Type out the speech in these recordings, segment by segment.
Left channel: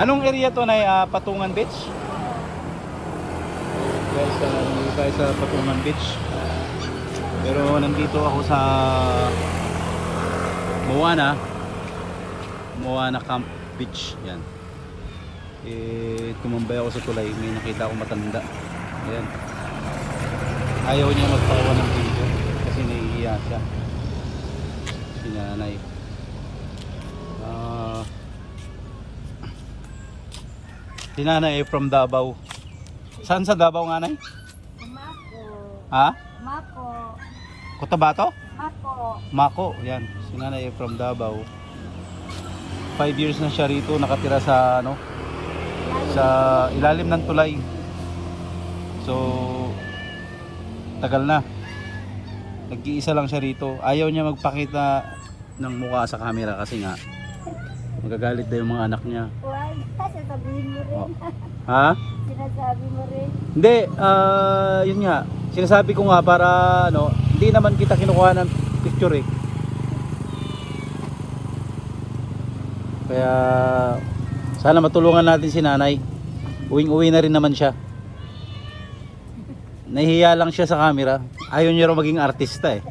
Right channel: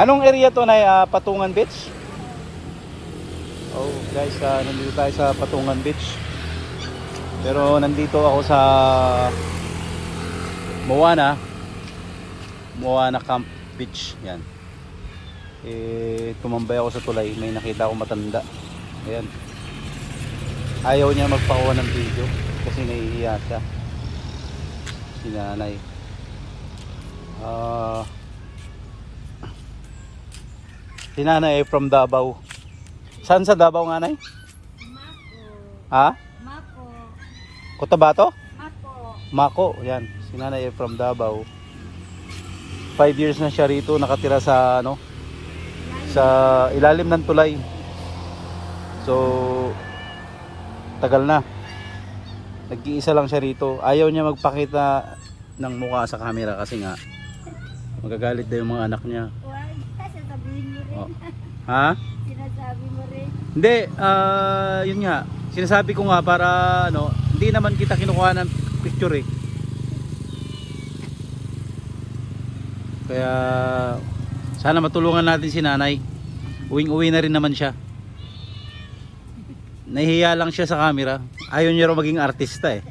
Anong area to na Patungan Beach? So, guys, nandito tayo sa Patungan Beach. Pero nandito ako sa Moana Camp Beach. Yan. Tumambay ako sa tulay. May nakita ako matanda. Ayan. Ayaw niya magpakuha ng video kasi nahihiya siya. Si nanay. Si nanay ay from Davao. Saan sa Davao nga, nay? Mako. Ha? Mako. Cotabato? Mako. Mako, yan. Si nanay ay from Davao. 5 years na siya rito, nakatira sa ano, sa ilalim ng tulay. So tagal na. Nag-iisa lang siya rito. Ayaw niya magpakita ng mukha sa camera kasi nga magagalit daw yung mga anak niya. Why? Sasabihin mo rin. Oh. Ha? Sinasabi mo rin. Hindi, yun nga. Sinasabi ko nga para ano, hindi naman kita kinukuha ng picture eh. Kaya sana matulungan natin si nanay. Uwing-uwi na rin naman siya. Nahihiya lang siya sa camera. Ayaw niya raw maging artista eh.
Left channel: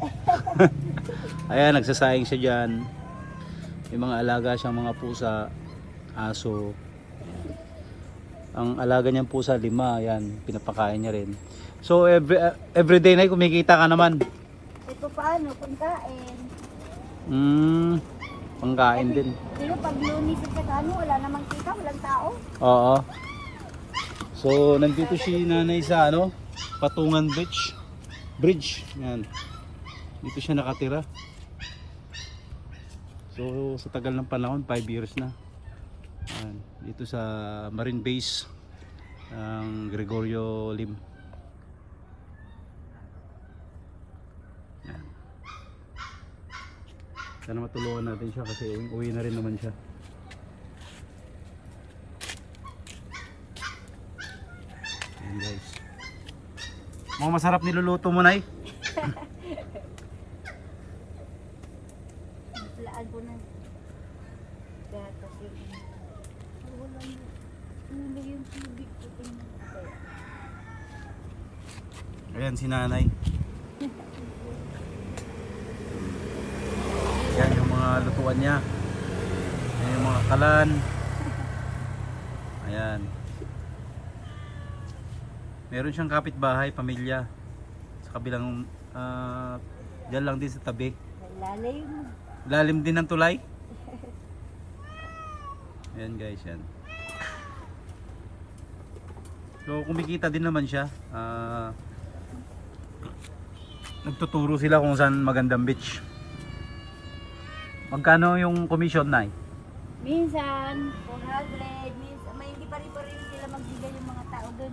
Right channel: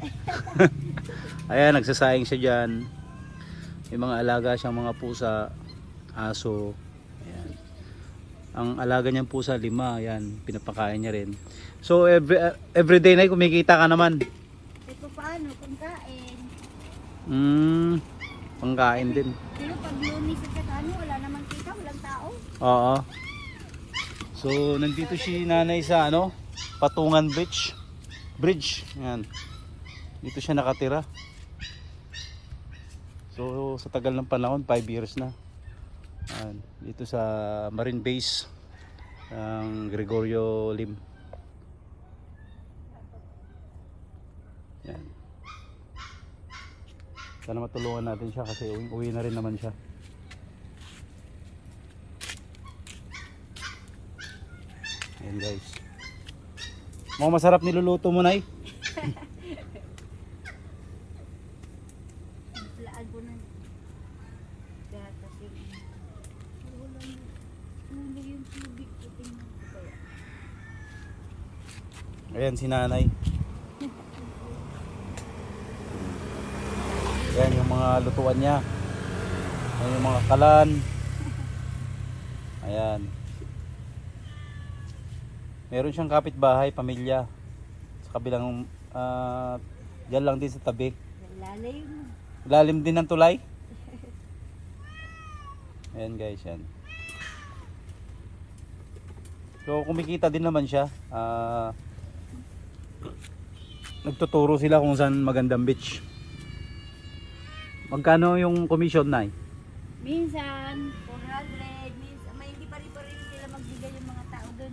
Ayan, nagsasayang siya dyan. May mga alaga siyang mga pusa, aso. Ang alaga niyang pusa, 5. Ayan, pinapakain niya rin. So everyday na kumikita ka naman. Ito paano? Pagkain. Pangkain din. Pero pag lumis at kakano, wala namang kita, walang tao. Oo. So nandito si nanay sa ano, Patungan Beach Bridge. Ayan. Dito siya nakatira. So sa tagal ng panahon, 5 years na. Ayan. Dito sa Marine Base ng Gregorio Lim. Ayan. Sana matulungan natin siya kasi uwi na rin naman siya. Ayan guys. Mga masarap niluluto mo, nay? Laan ko na. Gatas yun. Wala yung tubig ko. Tingnan ko kaya. Ayan si nanay. Ayan yung mga lutuan niya. Ayan yung mga kalan. Ayan. Meron siyang kapitbahay, pamilya. Sa kabilang, dyan lang din sa tabi. Lalim. Lalim din ng tulay. Ayan guys, yan. So kumikita din naman siya. Nagtuturo sila kung saan magandang beach. Magkano yung commission, nay? Minsan, 400. Minsan, may hindi pa rin sila magbigay yung mga tao doon.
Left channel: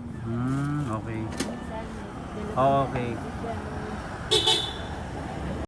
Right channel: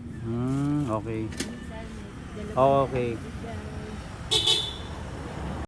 Okay. Minsan, Okay. bigay.